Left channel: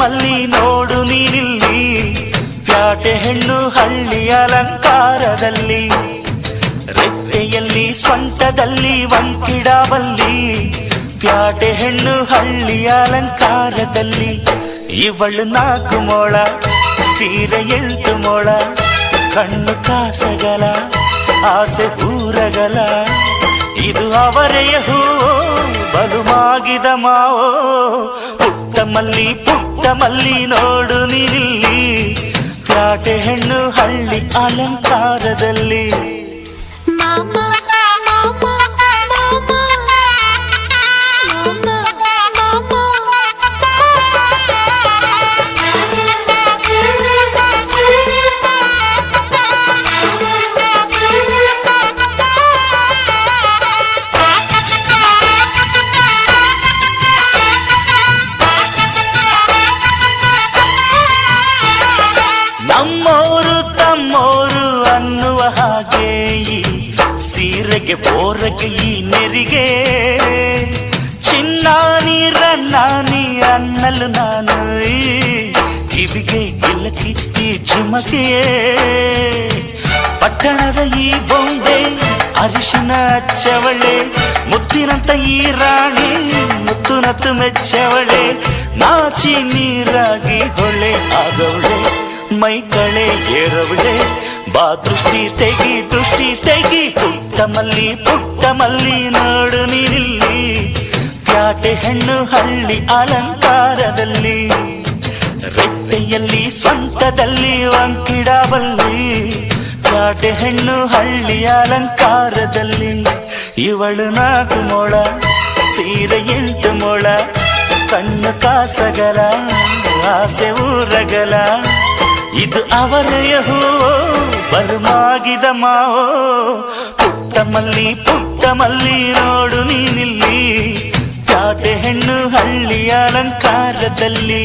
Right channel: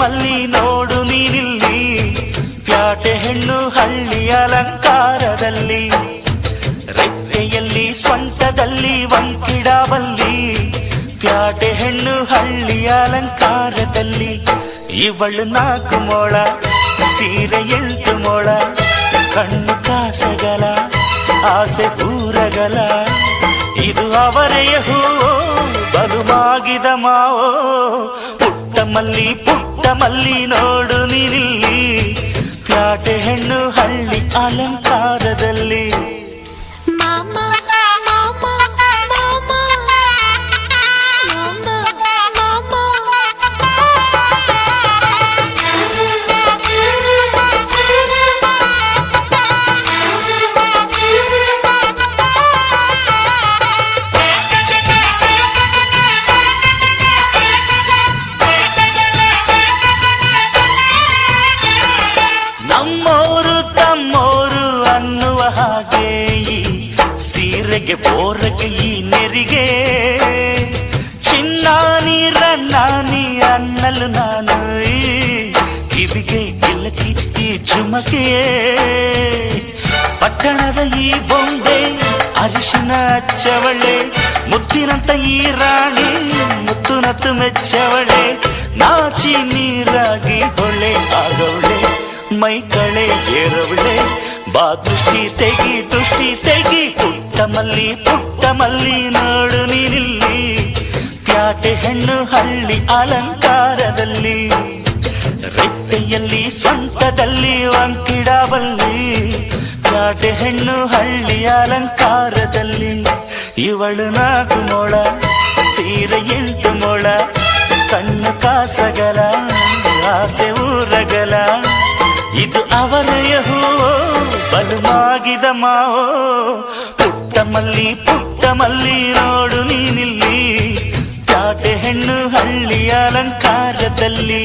ಮಲ್ಲಿ ನೋಡು ನೀನಿಲ್ಲಿ, ಪ್ಯಾಟೆ ಹೆಣ್ಣು ಹಳ್ಳಿ ಅಲಂಕಾರದಲ್ಲಿ, ರೆಟ್ಟೆಯಲ್ಲಿ ಸ್ವಂಟದಲ್ಲಿ ವಂಕಿಡಬಲ್ಲಿ, ಪ್ಯಾಟೆ ಹೆಣ್ಣು ಹಳ್ಳಿ ಅಲಂಕಾರದಲ್ಲಿ. ಇವಳು 4 ಮೊಳ, ಸೀರೆ 8 ಮೊಳ, ಕಣ್ಣು ಕಾಸಗಲ, ಆಸೆ ಊರಗಲ, ಇದು ಅವರೆಯ ಹೂವೋ ಬಲು ಮಾಗಿದ ಮಾವೋ. ಪುಟ್ಟ ಮಲ್ಲಿ ನೋಡು ನೀನಿಲ್ಲಿ, ಪ್ಯಾಟೆ ಹೆಣ್ಣು ಹಳ್ಳಿ ಅಲಂಕಾರದಲ್ಲಿ. ನಮ್ಮೋರು ತಮ್ಮೋರು ಅನ್ನುವ ಹಾಗೆ ಈ ಸೀರೆಗೆ ಬೋರಗೆ ಈ ನೆರಿಗೆ, ಚಿನ್ನಾನಿ ರನ್ನಾನಿ ಅನ್ನಲು ನಾನು ಈ ಕಿವಿಗೆ ಗಿಲಕಿ ಈ ಝುಮಕೆ. ಪಟ್ಟಣದ ಈ ಬೊಂಬೆ ಅರಿಶಿನ ಹಚ್ಚವಳೆ, ಮುತ್ತಿನಂತ ಈ ರಾಣಿ ಮುತ್ತುನತ್ತು ಮೆಚ್ಚವಳೆ, ನಾಚಿ ನೀರಾಗಿ ಹೊಳೆ ಆಗವಳೆ, ಮೈ ಕಳೆ ಏರವಳೆ, ಬಾ ದೃಷ್ಟಿ ತೆಗಿ. ಪುಟ್ಟ ಮಲ್ಲಿ ನೋಡು ನೀನಿಲ್ಲಿ, ಪ್ಯಾಟೆ ಹೆಣ್ಣು ಹಳ್ಳಿ ಅಲಂಕಾರದಲ್ಲಿ, ರೆಟ್ಟೆಯಲ್ಲಿ ಸ್ವಂತದಲ್ಲಿ ವಂಕಿಡಬಲ್ಲಿ, ಪ್ಯಾಟೆ ಹೆಣ್ಣು ಹಳ್ಳಿ ಅಲಂಕಾರದಲ್ಲಿ. ಇವಳು 4 ಮೊಳ, ಸೀರೆ 8 ಮೊಳ, ಕಣ್ಣು ಕಾಸಗಲ, ಆಸೆ ಊರಗಲ, ಇದು ಅವರೆಯ ಹೂವೋ ಬಲು ಮಾಗಿದ ಮಾವೋ. ಪುಟ್ಟ ಮಲ್ಲಿ ನೋಡು ನೀನಿಲ್ಲಿ, ಪ್ಯಾಟೆ ಹೆಣ್ಣು ಹಳ್ಳಿ ಅಲಂಕಾರದಲ್ಲಿ.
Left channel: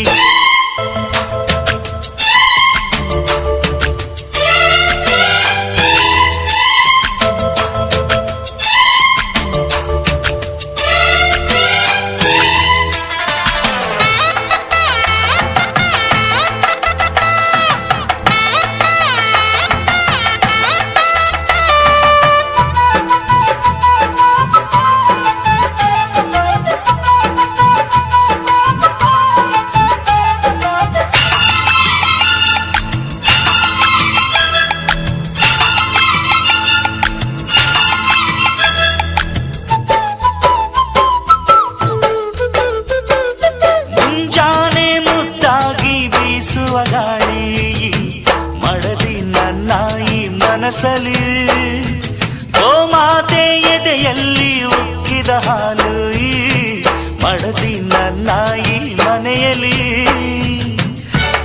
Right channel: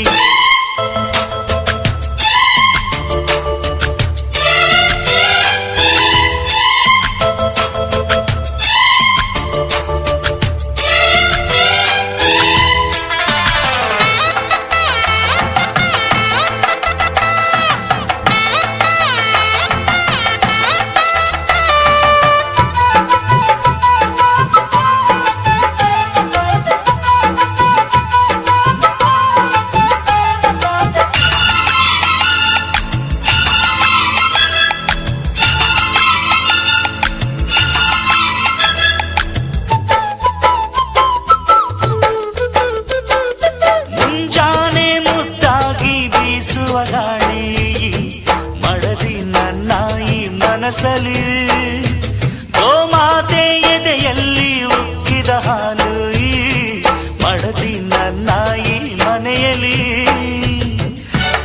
ಬೀಸುವ ಗಾಳಿ ಮಡದಿ ನನ್ನ ಈ ಮನಸಲಿ, ಗೋಮಾತೆ ಎದೆಯಲ್ಲಿ ಉಕ್ಕಿದ ಹಾಲು ಈ ಮಡದಿ ನನ್ನ ಈ ಮನೆಯಲ್ಲಿ.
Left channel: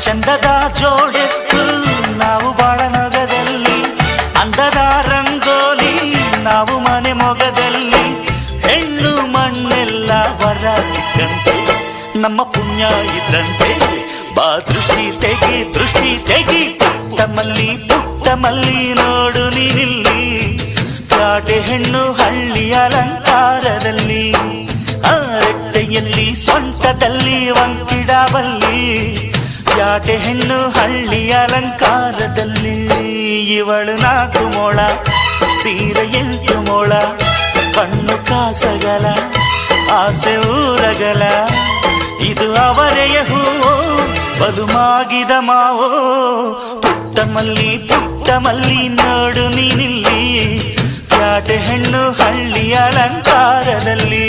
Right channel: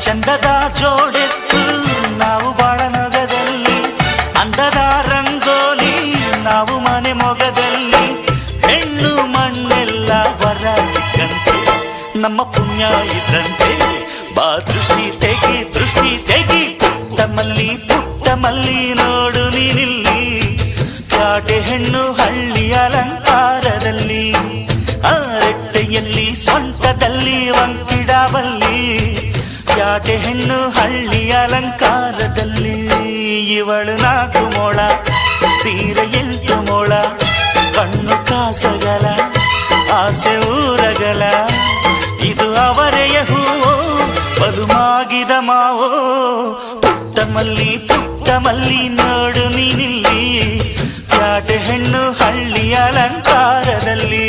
ಚಂದದ ಜೋಡೆತ್ತು ನಾವು ಬಾಳ ನಗದಲ್ಲಿ, ಅಂದದ ರಂಗೋಲಿ ನಾವು ಮನೆ ಮೊಗದಲ್ಲಿ, ಹೆಣ್ಣು ಮಣ್ಣೆಲ್ಲ ವರ ಸಿಕ್ಕಂತೆ ನಮ್ಮ ಪುಣ್ಯ ಇದ್ದಂತೆ, ಬಾ ದೃಷ್ಟಿ ತೆಗಿ. ಪುಟ್ಟ ಮಲ್ಲಿ ನೋಡು ನೀನಿಲ್ಲಿ, ಪ್ಯಾಟೆ ಹೆಣ್ಣು ಹಳ್ಳಿ ಅಲಂಕಾರದಲ್ಲಿ, ರೆಟ್ಟೆಯಲ್ಲಿ ಸ್ವಂಟದಲ್ಲಿ ವಂಕಿಡಬಲ್ಲಿ, ಪ್ಯಾಟೆ ಹೆಣ್ಣು ಹಳ್ಳಿ ಅಲಂಕಾರದಲ್ಲಿ. ಇವಳು 4 ಮೊಳ, ಸೀರೆ 8 ಮೊಳ, ಕಣ್ಣು ಕಾಸಗಲ, ಆಸೆ ಊರಗಲ, ಇದು ಅವರೆಯ ಹೂವೋ ಬಲು ಮಾಗಿದ ಮಾವೋ. ಪುಟ್ಟ ಮಲ್ಲಿ ನೋಡು ನೀನಿಲ್ಲಿ, ಪ್ಯಾಟೆ ಹೆಣ್ಣು ಹಳ್ಳಿ ಅಲಂಕಾರದಲ್ಲಿ.